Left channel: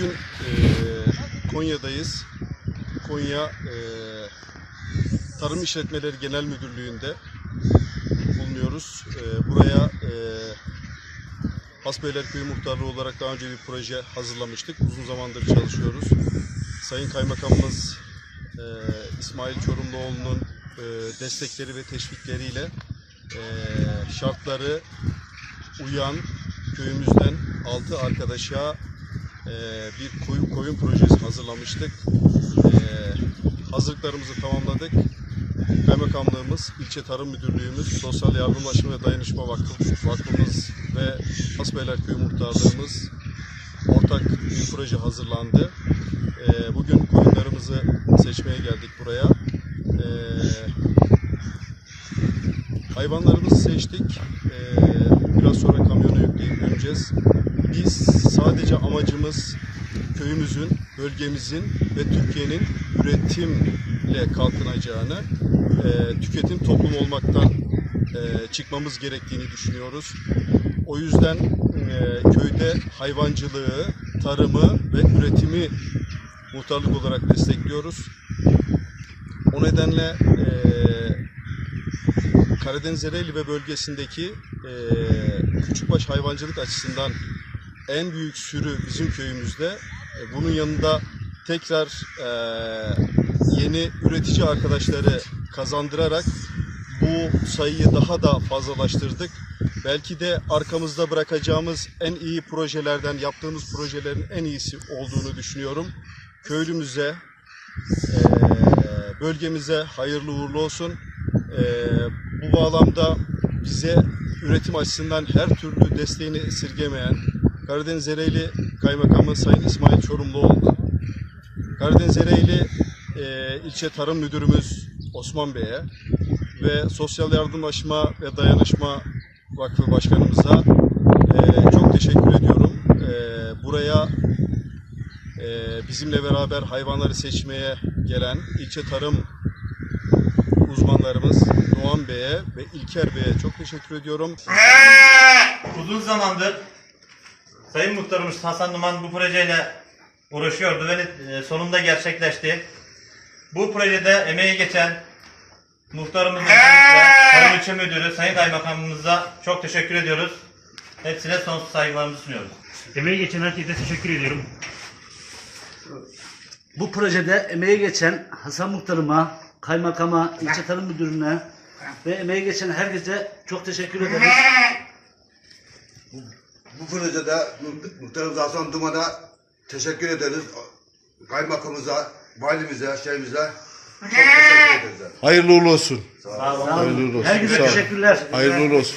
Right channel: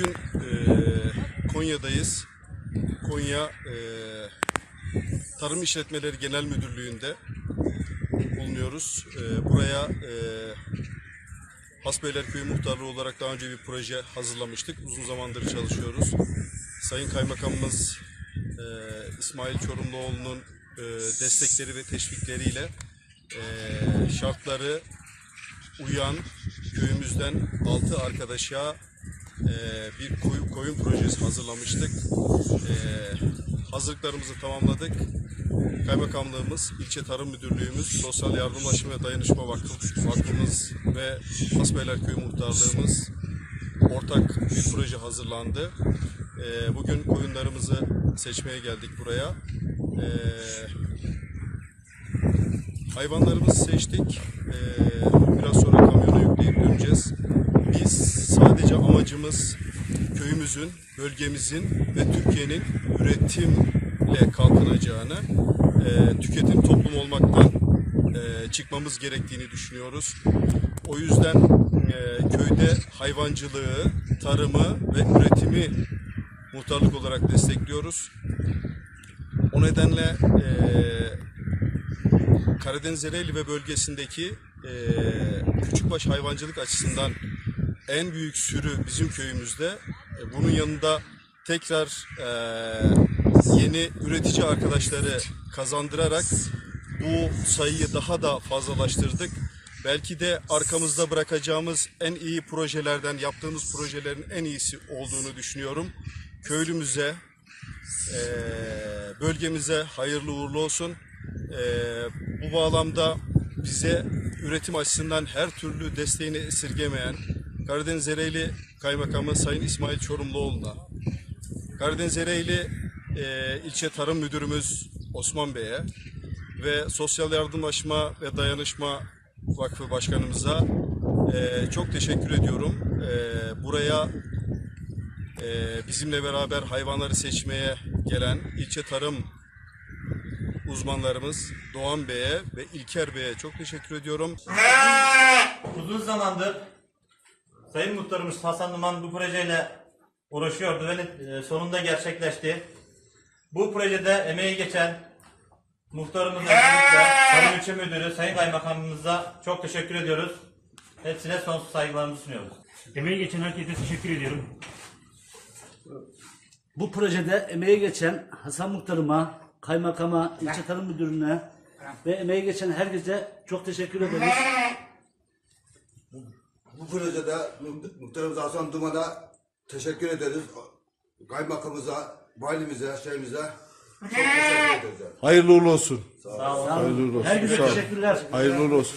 Bugün e, Konya'dayız. Konya e, Tarım İşletmeleri Genel Müdürlüğü'nde bulunuyoruz. E, buraya e, Hasbeyler Köyü Muhtarlığı olarak daha önce bir proje hazırlamıştık. Uzun zamandır çalışıyoruz. Sayın Kaymakamımız e, İsmail Çorumluoğlu'nun e, destekleri ve teşvikleriyle e, şartları uyan köyümüzden 6 arkadaşa e, bir koyun, koyun projesi hazırlamıştık. E, hazırlıklarımızı tamamladık. Kaymakamlığımız, ilçe tarım müdürlüğümüz, Sosyal Yardımlaşma ve Dayanışma Vakfı, Vakfımız ve Hasbeyler Köyü Muhtarlığımız ortak bir proje hazırlandı. E, bugün koyunlarımızı seçmeye geldik buraya. E, Hayvanlarımızı seçtik. Ee, biraz sonra kamyona yükleyip döneceğiz. Biz sadece amacımız köyümüzün, bölgemizin ve Türkiye'nin üretimle kalkınacağını, e, tüketim toplum olmaktan e, çıkmamız gerektiğini düşünüyoruz. O yüzden e, köyde hayvancılığı, tarımı ve üretimi muhtarlık olarak destekliyoruz. O nedenle e, Karadeniz Ereğli ve bölgesindeki e, küçükbaş hayvancılık açısından en büyük sürü bizim köyümüzde. E, bunun yanında tekrar e, yeni üretici arkadaşları kazandırarak bu sayıyı daha da fazlalaştırdık. Belki de arkamızda bırakacağımız en iyi projelerden, yaptığımız projelerin en iyisi olduğunu düşünüyorum. Köylümüze, e, bölgemize hayırlı uğurlu olsun. Bu bağlamda bize üretim açısından her türlü desteğini esirgemeyen Karadeniz Ereğli Kaymakamı Sayın İsmail Çorumluoğlu, Karadeniz Ereğli e, ilçe tarım müdürümüz Osman Bey'e ve Sosyal Yardımlaşma ve Dayanışma Vakfı Başkanımıza e, çok teşekkür ediyorum. E, buraya e, bizimle beraber hayvanları seçmeye gelen ilçe tarım uzmanlarımız Doğan Bey'e ve İlker Bey'e çok teşekkür ediyorum. Uzun zamandır Sayın Muhtarımız Hasan Duman bu projeyle uğraşıyordu ve sonunda gerçekleşti. Bu projede emeği geçen muhtarımız öncelikle Tarım İlçe Müdürü Sayın Kaymakamımıza çok teşekkür ediyoruz. Hepsine sonsuz saygılarımızı sunuyoruz. Emeği geçen herkese teşekkür ediyorum. Bu projede emeği geçen Hasan Muhtarıma, kaymakama, ilçe tarım müdürüne ve emeği geçen herkese çok teşekkür ederiz. Bu projede muht- muhtarımız Hasan Duman'a teşekkür ederiz. Kaymakamımıza, valimize, şeyimize çok teşekkür ederiz. Hayırlı uğurlu olsun. Sağ olun. Hayırlı olun. olsun. Herkese Sağ olun. teşekkürler. Hayırlı uğurlu olsun.